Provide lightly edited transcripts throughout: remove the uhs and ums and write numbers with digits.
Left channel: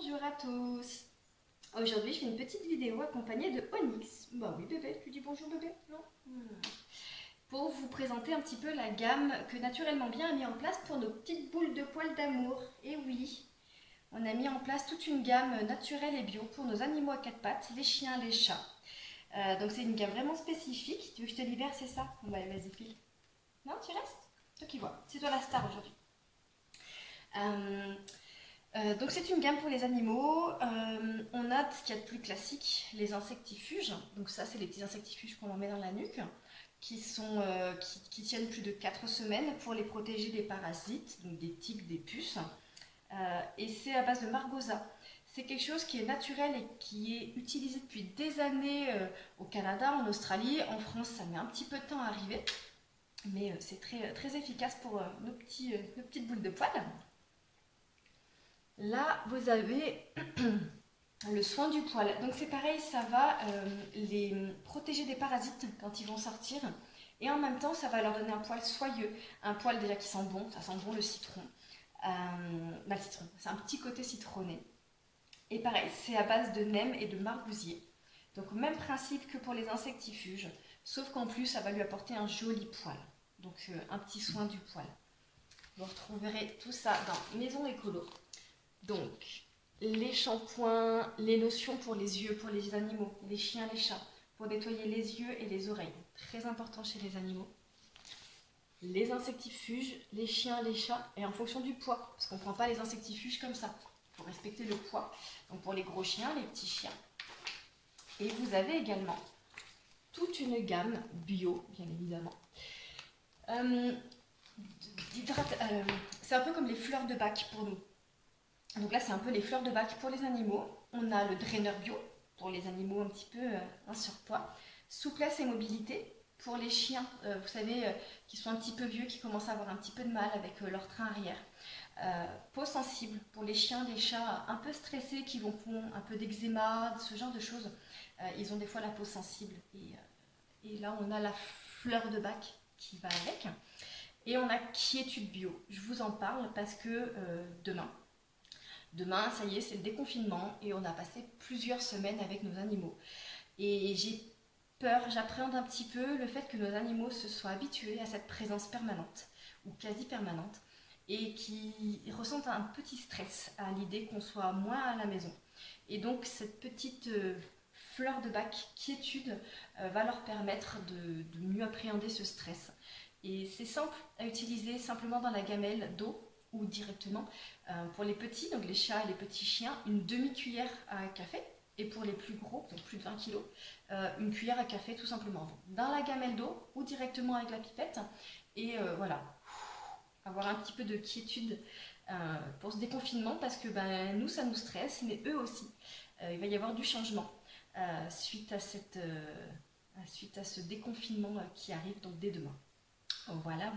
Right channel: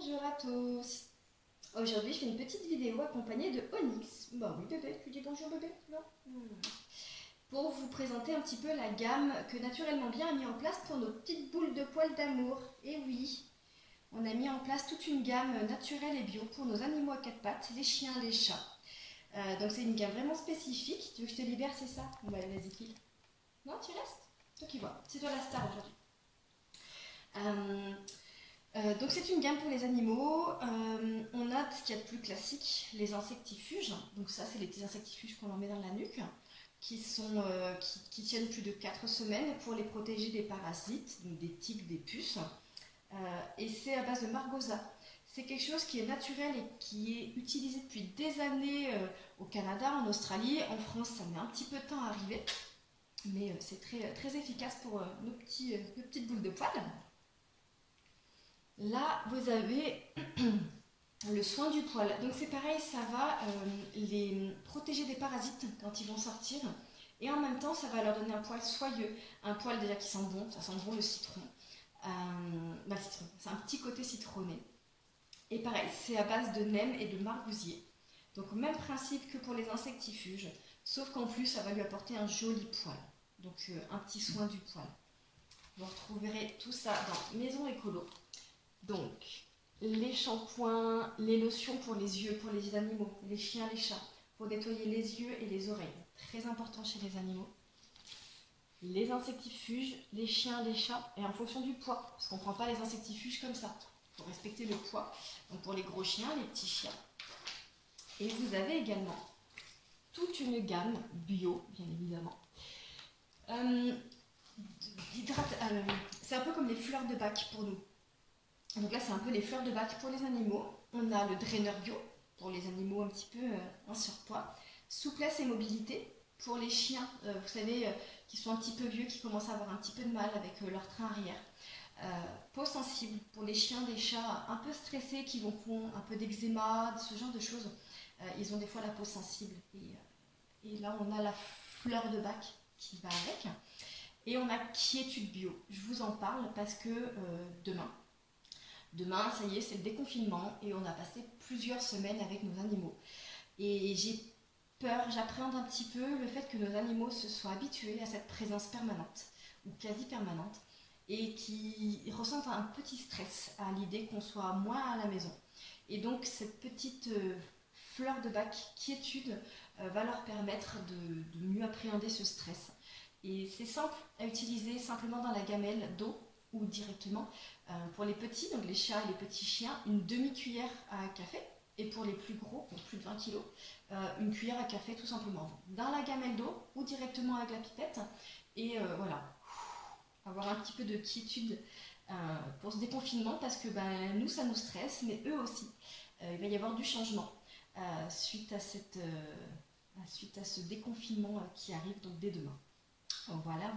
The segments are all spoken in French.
Bonjour à tous. Aujourd'hui, je fais une petite vidéo accompagnée de Onyx. Bah oui bébé, tu dis bonjour bébé? Non. Pour vous présenter un petit peu la gamme que Naturellement Bien a mis en place pour nos petites boules de poils d'amour. Et oui, on a mis en place toute une gamme naturelle et bio pour nos animaux à quatre pattes, les chiens, les chats. Donc c'est une gamme vraiment spécifique. Tu veux que je te libère, c'est ça? Bon bah vas-y file. Non, tu restes? Toi qui vois, c'est toi la star aujourd'hui. Donc c'est une gamme pour les animaux. On a ce qu'il y a de plus classique, les insectifuges. Donc ça, c'est les petits insectifuges qu'on met dans la nuque, qui tiennent plus de 4 semaines pour les protéger des parasites, donc des tiques, des puces. Et c'est à base de margosa. C'est quelque chose qui est naturel et qui est utilisé depuis des années au Canada, en Australie. En France, ça met un petit peu de temps à arriver, mais c'est très, très efficace pour nos petites boules de poils. Là, vous avez le soin du poil. Donc c'est pareil, ça va les protéger des parasites quand ils vont sortir. Et en même temps, ça va leur donner un poil soyeux. Un poil déjà qui sent bon, ça sent bon le citron. Le citron, c'est un petit côté citronné. Et pareil, c'est à base de neem et de margousier. Donc même principe que pour les insectifuges, sauf qu'en plus, ça va lui apporter un joli poil. Donc un petit soin du poil. Vous retrouverez tout ça dans Maison Écolo. Donc, les shampoings, les lotions pour les yeux, pour les animaux, les chiens, les chats, pour nettoyer les yeux et les oreilles. Très important chez les animaux. Les insectifuges, les chiens, les chats, et en fonction du poids, parce qu'on ne prend pas les insectifuges comme ça. Il faut respecter le poids. Donc pour les gros chiens, les petits chiens. Et vous avez également toute une gamme bio, bien évidemment. C'est un peu comme les fleurs de bac pour nous. Donc là, c'est un peu les fleurs de bac pour les animaux. On a le draineur bio pour les animaux un petit peu en surpoids. Souplesse et mobilité pour les chiens, vous savez, qui sont un petit peu vieux, qui commencent à avoir un petit peu de mal avec leur train arrière. Peau sensible pour les chiens, les chats un peu stressés, qui font un peu d'eczéma, ce genre de choses. Ils ont des fois la peau sensible. Et là, on a la fleur de bac qui va avec. Et on a quiétude bio. Je vous en parle parce que Demain, ça y est, c'est le déconfinement et on a passé plusieurs semaines avec nos animaux. Et j'ai peur, j'appréhende un petit peu le fait que nos animaux se soient habitués à cette présence permanente ou quasi permanente et qu'ils ressentent un petit stress à l'idée qu'on soit moins à la maison. Et donc cette petite fleur de bac quiétude va leur permettre de mieux appréhender ce stress. Et c'est simple à utiliser simplement dans la gamelle d'eau ou directement pour les petits, donc les chats et les petits chiens, une demi-cuillère à café, et pour les plus gros, donc plus de 20 kg, une cuillère à café tout simplement dans la gamelle d'eau ou directement avec la pipette. Et voilà, avoir un petit peu de quiétude pour ce déconfinement, parce que nous, ça nous stresse, mais eux aussi. Il va y avoir du changement suite à ce déconfinement qui arrive donc dès demain. Voilà.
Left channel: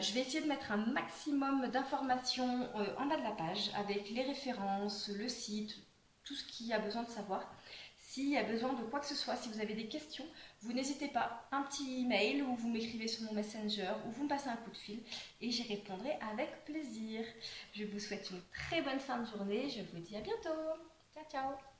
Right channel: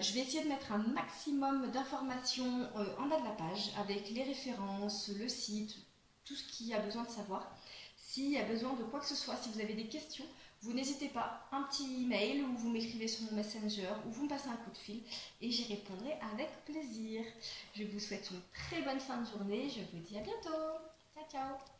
Je vais essayer de mettre un maximum d'informations en bas de la page avec les références, le site, tout ce qu'il y a besoin de savoir. S'il y a besoin de quoi que ce soit, si vous avez des questions, vous n'hésitez pas, un petit email ou vous m'écrivez sur mon Messenger ou vous me passez un coup de fil et j'y répondrai avec plaisir. Je vous souhaite une très bonne fin de journée. Je vous dis à bientôt. Ciao, ciao.